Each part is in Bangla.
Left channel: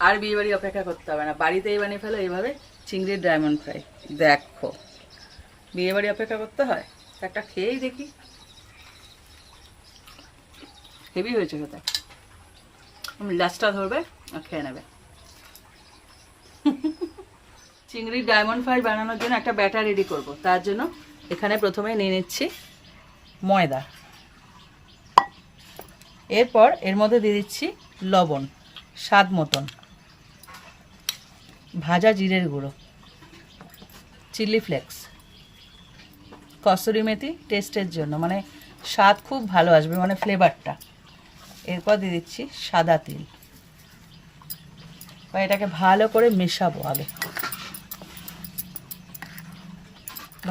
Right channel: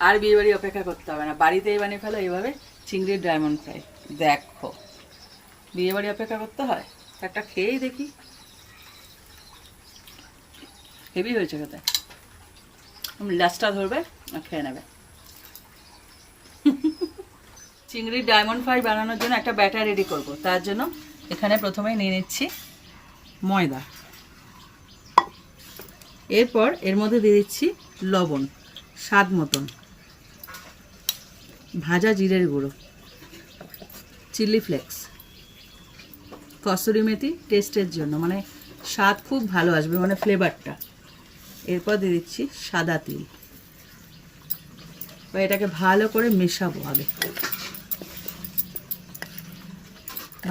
আর বিয়ে বাড়ি অপেক্ষা করতে হবে না, বাড়িতেই বানিয়ে ফেলো এইভাবে চিংড়ির ডায়মন্ড ফ্রাই। দেখো বিয়ে বাড়ি অপেক্ষা করতে হয়, একটা খেয়েই দেখি। হেভি হয়েছে খেতে, লাস্টটা ধরবে আর খেয়ে নেবে। চিংড়ির ডায়মন্ড ফ্রাই বানানোর জন্য একটা ব্যাটার রেডি করব। তার জন্য এখানে প্রথমে নিয়ে নিচ্ছি ময়দা, এরপর এর মধ্যে দিয়ে দিচ্ছি লবণ স্বাদ মতন, ভাজা জিরের গুঁড়ো, চিলি ফ্লেক্স, কসুরি মেথি টেস্টের জন্য, মানে স্বাদ খুব ভালো আসবে, মানে ফ্লেভারটা। এরপর দিয়ে দিচ্ছি সাদা তিল। এটাকে ভালো করে মেশাবো। আগে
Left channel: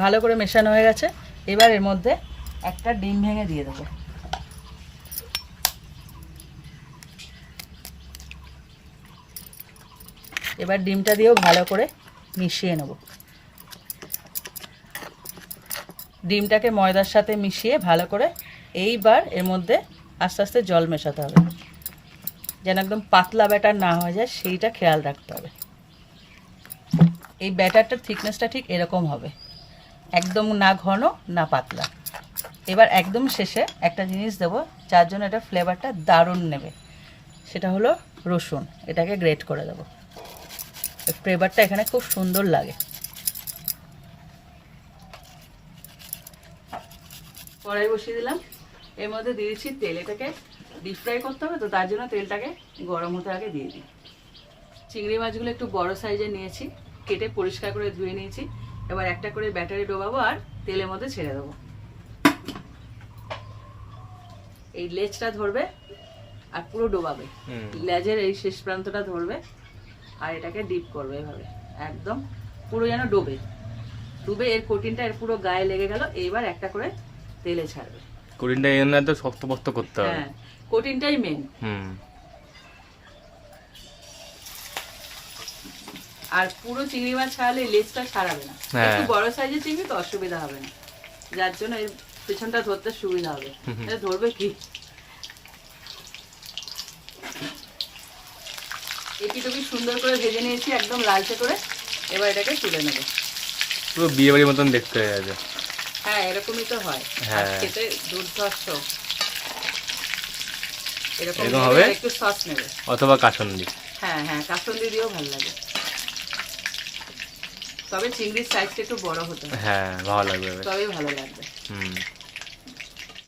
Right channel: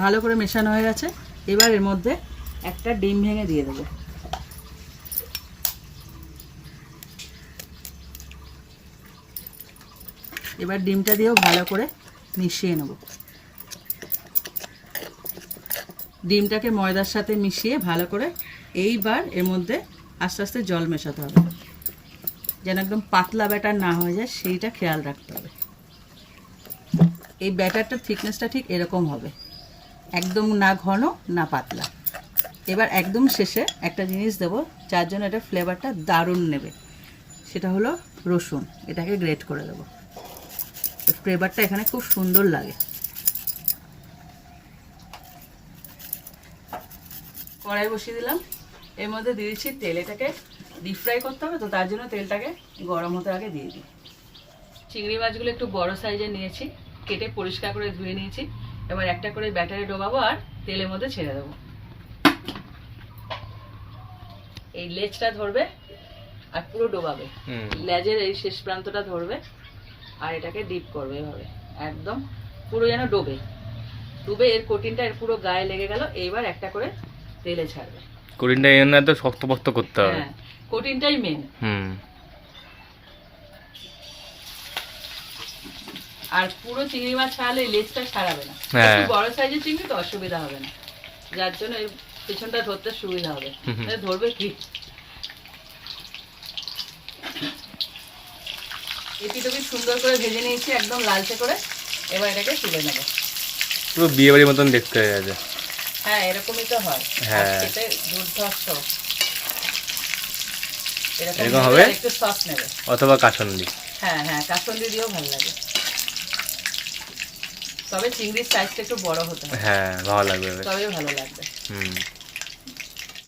ভালো করে মেশানো হয়ে গেছে, এবার এর মধ্যে একটা ডিম ভেঙে দিয়ে দেবো। এবার ডিমটা দিয়েও ভালো করে মিশিয়ে নেব। ডিমটাকে ময়দার সাথে মিশিয়ে ভালো করে এইবার এর মধ্যে আস্তে আস্তে জল মেশাতে হবে, যেন একদম পাতলা ব্যাটার না হয়ে যায়, সেইটা খেয়াল রাখতে হবে। এই ব্যাটারটার থিকনেসটা ঠিক এরকম হবে, একদম না ঘন না পাতলা। এবার একদম শেষে একটা জিনিস দেবো যার জন্য এটা ফ্লেভারটা দারুণ নেবে, সেটা হলো রসুন। এটাকে গ্রেট করে দেবো, ফ্লেভারটা এখানে খুব সুন্দর লাগে। কড়াই বসিয়ে দিলাম, এর মধ্যে দিয়ে দিচ্ছি তেল। এটাকে ডিপ ফ্রাই করতে হবে, তো তার জন্য তেলটাকে গরম হতে আগে দিয়ে দিই। চিংড়ি মাছগুলো একটু বড় সাইজের নিয়েছি, কেটে পরিষ্কার করে ধুয়ে নিয়েছি। এবার একটা করে ব্যাটারে ডোবাবো আর তেলের মধ্যে ছেড়ে দেবো। এই লেজটা ধরবে আর পুরো ডোবাবে, লেজের এই শেষ প্রান্তটা ধরবে আর এটাকে ডিপ করবে এভাবে, একদম পুরো যেন ডোবে। ডুবে এর কোটিনটা এর পুরো গায়ে লেগে গেল। এইবার একটা করে তেলে ছাড়বে। কোটিনটা এনে তো শক্তপোক্ত করতে হবে। হ্যাঁ, কোটিনটাই মেন। আর পুরো চিংড়ি মাছ ছাড়ালে লেজটা ছাড়াবে না, একটু বড় সাইজের চিংড়ি তো অসুবিধা হবে না, যার জন্য এর পেছনটা ধরতে সুবিধা হবে। ধরবে কি, এটি তো সুন্দর করে ভেজে নিয়েছি একদম লালচে করে। এবার এটাকে তুলে নেব। পুরো বিয়ে বাড়ির মতন দেখতে হয়ে গেছে। হ্যাঁ, এরকমই তো হয়, খেতে দুর্ধর্ষ। এরকম হবে, একটু সস নেবে অথবা কাসুন্দি। হ্যাঁ হ্যাঁ, কাসুন্দি দিয়েও ভালো লাগে, তবে চিংড়ির সাইজটা একটু বড় হতে হবে। হ্যাঁ, ভালো লাগবে, তবেই ভালো লাগবে।